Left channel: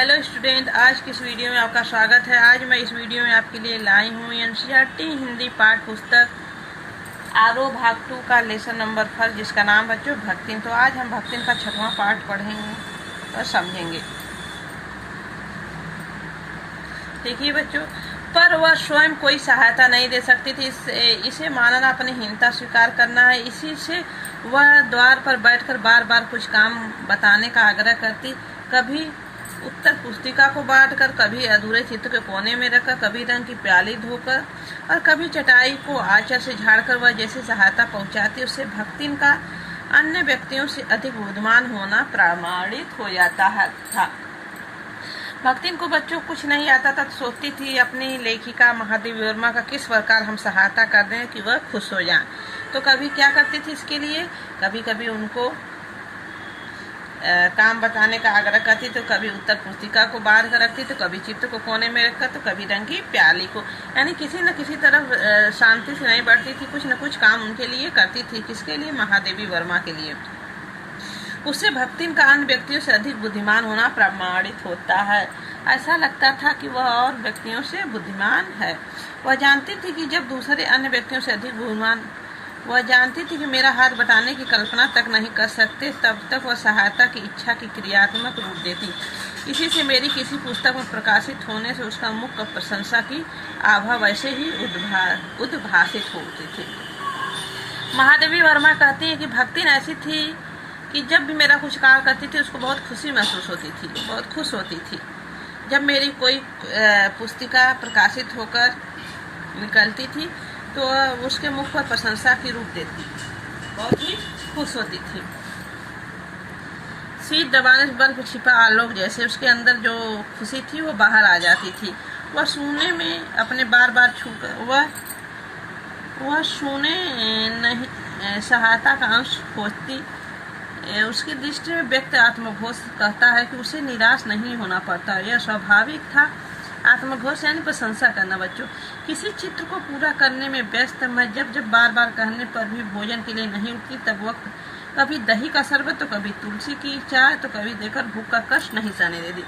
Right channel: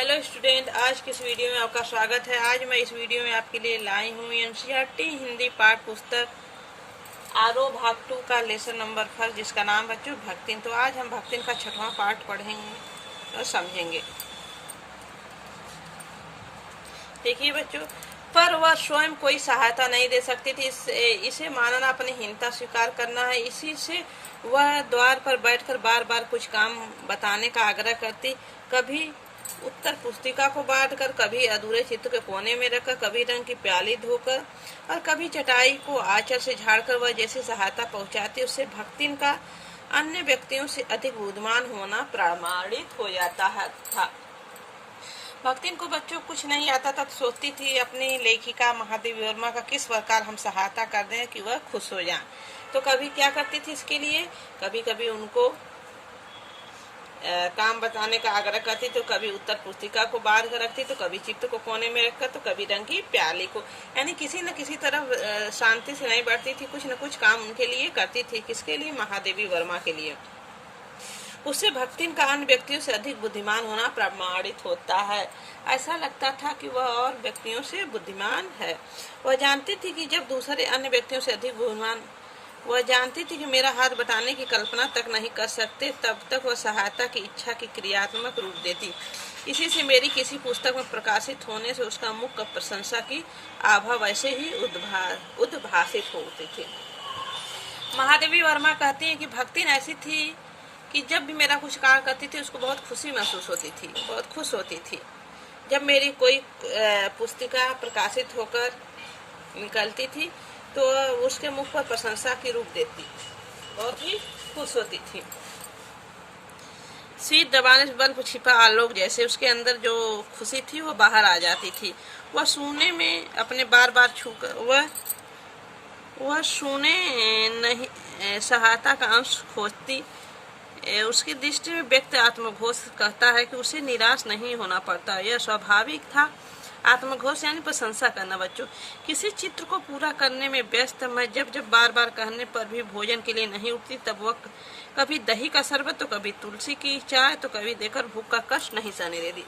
Hello student, आज की इस वीडियो में आपका स्वागत है। आज मैं इस वीडियो में आपके लिए लाई हूँ एनसीईआरटी हिंदी पाठ पुस्तक आरोह भाग 2 का लेसन नंबर 4 जिसका नाम बच्चों भक्तिन। तो आज हम भक्तिन का 6वां पाठ पढ़ेंगे और समझेंगे। देखिए बच्चों, पर वह स्वयं कोई सहायता नहीं दे सकती थी। इसे मानना अपनी हीनता स्वीकार करना है। इसी से वह द्वार पर बैठकर बार बार कुछ काम बताने का आग्रह करती। कभी उत्तर पुस्तिका को बांटकर, कभी अधूरे चित्र के कोने में रखकर, कभी रंग की प्याली धोकर और कभी चटाई को आंचल से झाड़कर वह जैसे सहायता पहुंचाती, उससे भक्तिन का अन्य व्यक्तियों से अधिक बुद्धिमान होना प्रमाणित हो जाता था। भक्तिन को बच्चों कुछ नहीं आता था, तो सोचती थी अपनी लेखिका महादेवी वर्मा का किस प्रकार हम सहायता कर दें कि वह खुश हो जाएं। तो कभी क्या करती थी इसके लिए, कभी कभी उनको काम बताने का आग्रह करती, तो कभी उत्तर पुस्तिका को बांध कर रखती, तो कभी चित्र को कोने में रखकर, तो कभी रंग की प्याली को, यानी किसी न किसी तरफ शांति से नहीं बैठती थी। कुछ न कुछ काम उनके लिए करती थी। किसके लिए? महादेवी वर्मा के लिए। उससे भक्तिन का अन्य व्यक्तियों से अधिक बुद्धिमान होना प्रमाणित होता है। ऐसा लगता था कि वह और व्यक्तियों से बुद्धिमान है। वह जानती थी कि जब दूसरे अन्य व्यक्तियों से अधिक बुद्धिमान, वह जानती थी कि मेरा हाथ बटाने की कल्पना तक नहीं कर सकते, तब तक वह सहायता की इच्छा की क्रियात्मक रूप देती। इसी से मेरी किसी पुस्तक में प्रकाशित होने से उसका मुख्य प्रशंसा की आभा वैसे ही उद्भासित होती थी। महादेवी वर्मा कहती है कि भक्तिन ऐसी थी कि जब भी मेरा कुछ कार्य करती थी उसको बहुत खुशी महसूस होती थी, बहुत खुश होती थी। जब मेरी कोई पुस्तिका प्रकाशित होकर निकलती थी तो उसके मुख पर प्रशंसा की रूप देती, बहुत ही खुश होती थी। शीत दबाने से बल्ब छिपा आलोक जैसे उसके अंदर जो खुशी थी वो बाहर आ जाती थी। वह सुनने में अपने बार बार छूकर वह सुने नहीं सहायता का अंश खोजती। उसकी दृष्टि में व्यक्त आत्मघोष कहता है कि उसे निराश नहीं होना पड़ता। यह स्वाभाविक था। आत्मघोष यानी प्रशंसा करना। बच्चों, किसी चित्र को पूरा करने में व्यस्त मैं जब बार बार कहने पर भी भोजन के लिए नहीं उठती, तब वक्त कभी दही का शरबत, तो कभी तुलसी की चाय, तो कभी देकर भूख का कष्ट नहीं सहने देती।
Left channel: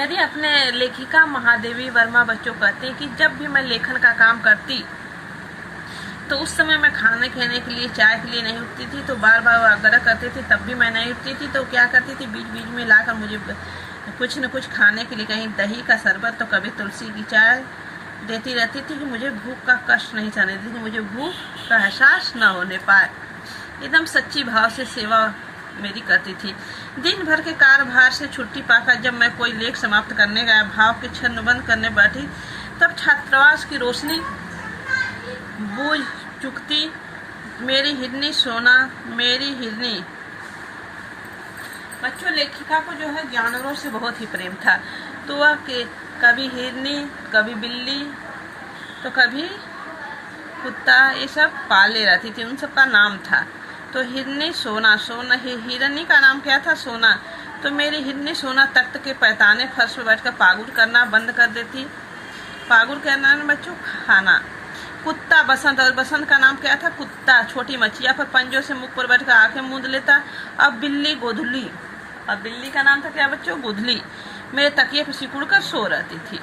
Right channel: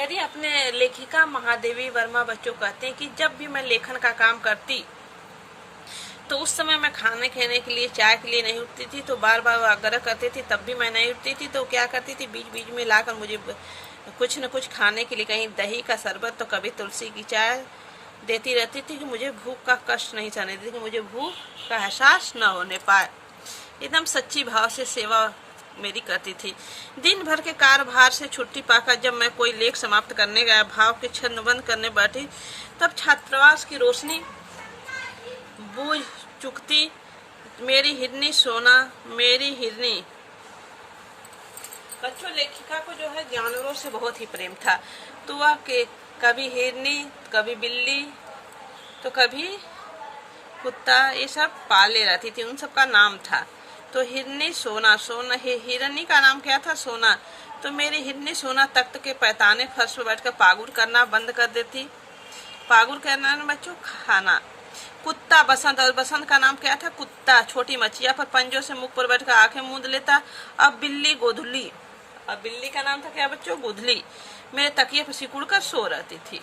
यदि अपने लेखिका महादेवी वर्मा बच्चों कहते हैं कि जब भी मैं लेखन का काम करती तो उस समय मैं खाने के लिए, चाय के लिए नहीं उठती थी, तो बार बार आग्रह करते थे, तब भी मैं नहीं उठती थी। तो क्या करती थी, बीच बीच में लाकर मुझे कुछ न कुछ खाने के लिए, कहीं दही का शरबत, तो कभी तुलसी की चाय देती रहती थी कि मुझे भूख का कष्ट नहीं सहने देती, कि मुझे भूख का एहसास न होने पाए। एकदम सच्ची भाव से सेवा मेरी करती थी। दिन भर के कार्यभार से छुट्टी पाकर जब मैं कोई लेख समाप्त करने गया, भाव के छन्न बंद करने बैठी, तब छात्रावास की रोशनी बूझ चुकती। मेरी हिरनी सोना, मेरी हिरनी। बच्चों, लेखिका को जो है जानवरों से बहुत ही प्रेम था। तो वह कभी हिरनी, कभी बिल्ली, तो कभी कुत्ता, ये सब पाले रहती थी। उन सब का नाम था। तो हिरनी सोना, हिरनी का नाम क्या था? सोना। तो मेरी हिरनी सोना तख्त के पैताने फर्श पर बैठकर पागुर करना बंद कर देती। पागुर करना ना बच्चों, खाना। कुत्ता बसंत, और बसंत का नाम क्या था? कुत्ता। छोटी मछिया पर पंजों से मुख पर बैठकर आंखें मूंद लेता। अब बिल्ली गोधुली, अब बिल्ली का नाम था क्या बच्चों? गोधुली। मेरे तकिए पर सिकुड़ कर सो रहती थी।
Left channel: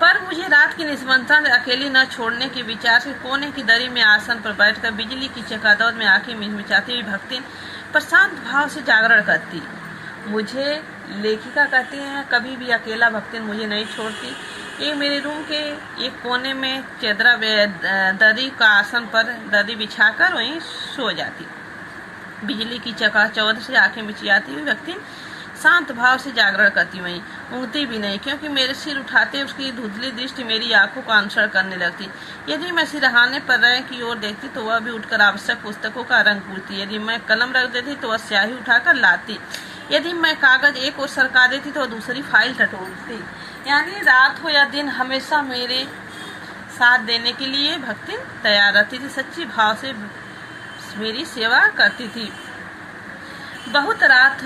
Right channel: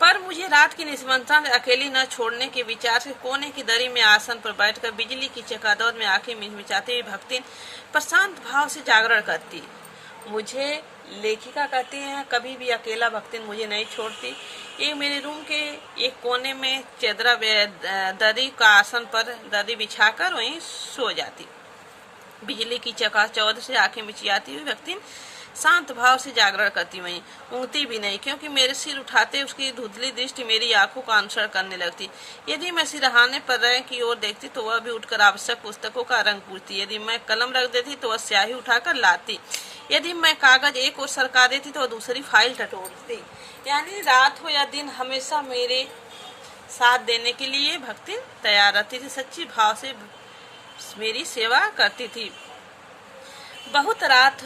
पर मुझे रात की निस्बंधता अकेली न छोड़ने के विचार से कोने की दरी में आसन पर बैठकर बिजली की चकादौड़ में आंखें मिचमिचाती हुई भक्तिन प्रशांत भाव से जागरण करती। मुझे लेखिका कहती हैं कभी भी अकेला भक्तिन मुझे नहीं छोड़ती। ये मेरे रूम के एक कोने में चदरा दरी का आसन पर दरी बिछाकर वहीं सो जाती। बिजली की चकाचौंध से आंखें मिचियाती हुई भक्तिन शांत भाव से जागरण करती, वहीं ऊँगती भी नहीं, क्योंकि मेरे सिर उठाते उसकी धुंधली दृष्टि मेरी आंखों का अनुसरण करने लगती। यदि मैं सिरहाने पर रंग की ओर देखती तो वह भी उठकर आवश्यक पुस्तकों का रंग पूछती। यदि मैं कलम रख देती तो वह स्याही उठाकर लाती। यदि मैं कागज एक ओर सरका देती तो वह दूसरी फाइल टटोलती। यानी रात हो या दिन हमेशा मेरे साथ देने के लिए भक्तिन तैयार रहती थी। सच्ची भाव से मेरी सेवा करती थी। बहुत रात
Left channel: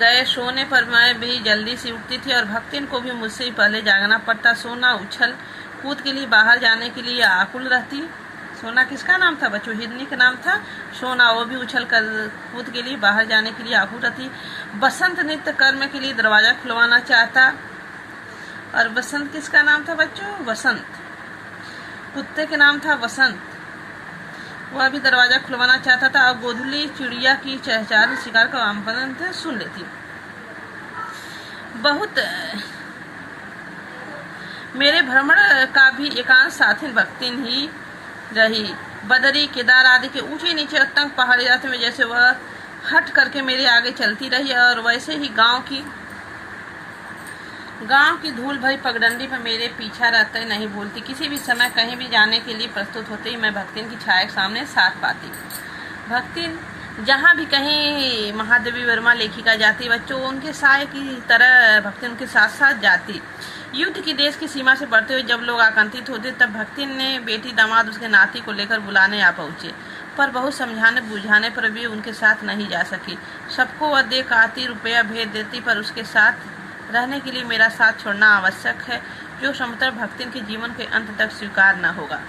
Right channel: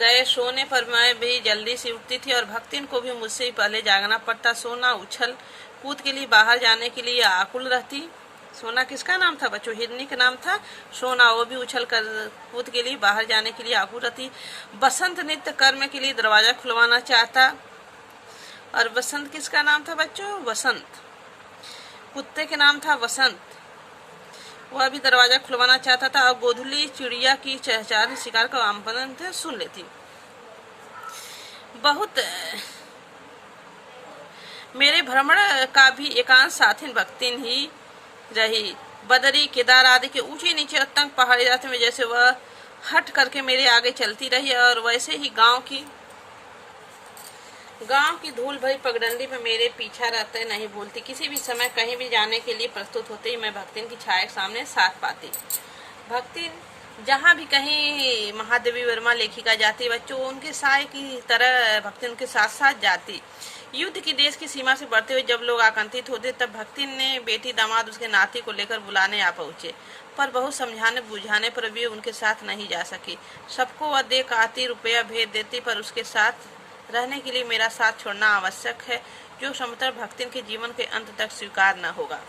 गए सोने पर मैं भी जल्दी से उठती थी और भक्तिन को भी मुझसे ही पहले जागना पड़ता। सोना उछल कूद के लिए बाहर जाने के लिए आकुल रहती। सोना किसका नाम था बच्चों? हिरनी का नाम था सोना। वो भी उछल कर कूद के लिए बाहर जाने के लिए आकुल रहती। बसंत नित्य कर्म के लिए दरवाजा खुलवाना चाहता। और बसंत किसका नाम था बच्चों? वसंत। कुत्ते का नाम था वसंत। वह भी दरवाजा खुलवाना चाहता था। और गोधुली चिड़िया की चहचहाती शिकार का आमंत्रण सुन लेती। बहुत मेरे भ्रमण का भी एकांत साथी भक्तिन ही रही। बदरी, केदार आदि के ऊंचे नीचे तंग पहाड़ी रास्ते में जैसे वह हट करके मेरे आगे चलती रही, और वैसे ही गांव की धूल भरी पगडंडी पर मेरे पीछा रहते नहीं भूलती। किसी भी समय कहीं भी जाने के लिए प्रस्तुत होते ही मैं भक्तिन की छाया के सामने साथ पाती। भक्तिन जहाँ भी कहीं महादेवी वर्मा लेखिका जाती बच्चों, उनके साय की तरह भक्तिन के साथ साथ जाती। युद्ध की देश की सीमा से बढ़ते हुए जब लोग आकांक्षित होते तब भक्तिन ने बेटी, दामाद, उसके नाती को लेकर बुलाने आ पहुँचे, पर बहुत समझाने बुझाने पर भी उनके साथ नहीं जा सकी। सबको वह देख आती, रुपया भेज देती, पर उसके साथ रहने के लिए मेरा साथ छोड़ना आवश्यक है, जो समतल भक्तिन के जीवन के अंत तक स्वीकार न होगा।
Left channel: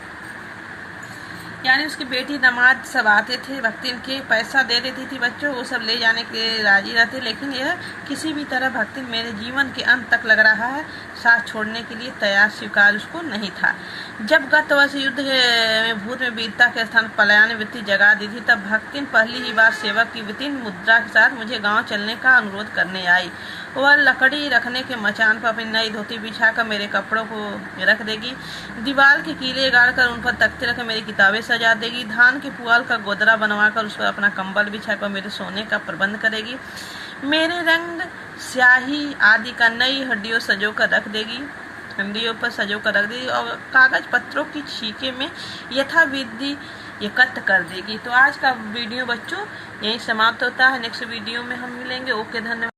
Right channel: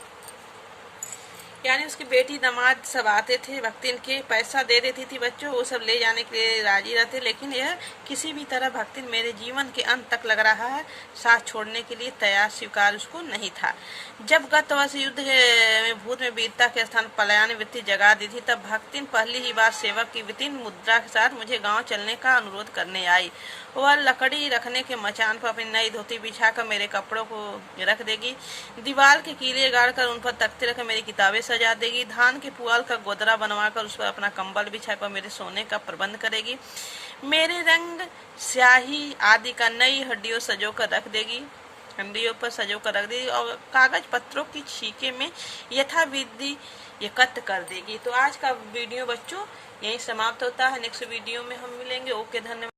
यानी उसकी बेटी, दामाद सब आते थे, भक्तिन के पैसा दे देती थी बच्चों, वो सब ले जाने के लिए राजी रहते, लेकिन यह किसी भी तरह भक्तिन मेरे जीवन के अंत तक लग रहा है साथ छोड़ने के लिए तैयार, स्वीकार उसको नहीं था। जब गत वर्ष युद्ध में भूत में वीरता के स्थान पलायन वृत्ति जगा दी थी, तब भक्तिन पहली ही बार सेवक की वितीन मुद्रा के साथ मुझे गाँव चलने का अनुरोध करने आई। वह लकड़ी रखने के मचान पर अपनी नई धोती बिछाकर मेरे कपड़ों को रख देगी, दीवार के कीले गाड़कर उन पर तख्ते रखकर मेरी किताबें सजा देगी, धान के पुआल का गोदरा बनवाकर उस पर अपना कंबल बिछाकर मेरे सोने का प्रबंध करेगी, मेरे रंग, स्याही आदि का नई हड्डियों सजो कर रख देगी, हड्डियों पर सजो कर रख देगी, और कागज पत्रों की छीके में यथाविधि एकत्र कर देगी। तो आज का वीडियो बच्चों यहीं समाप्त होता है। नेक्स्ट वीडियो में हम मिलेंगे। ओके, धन्यवाद।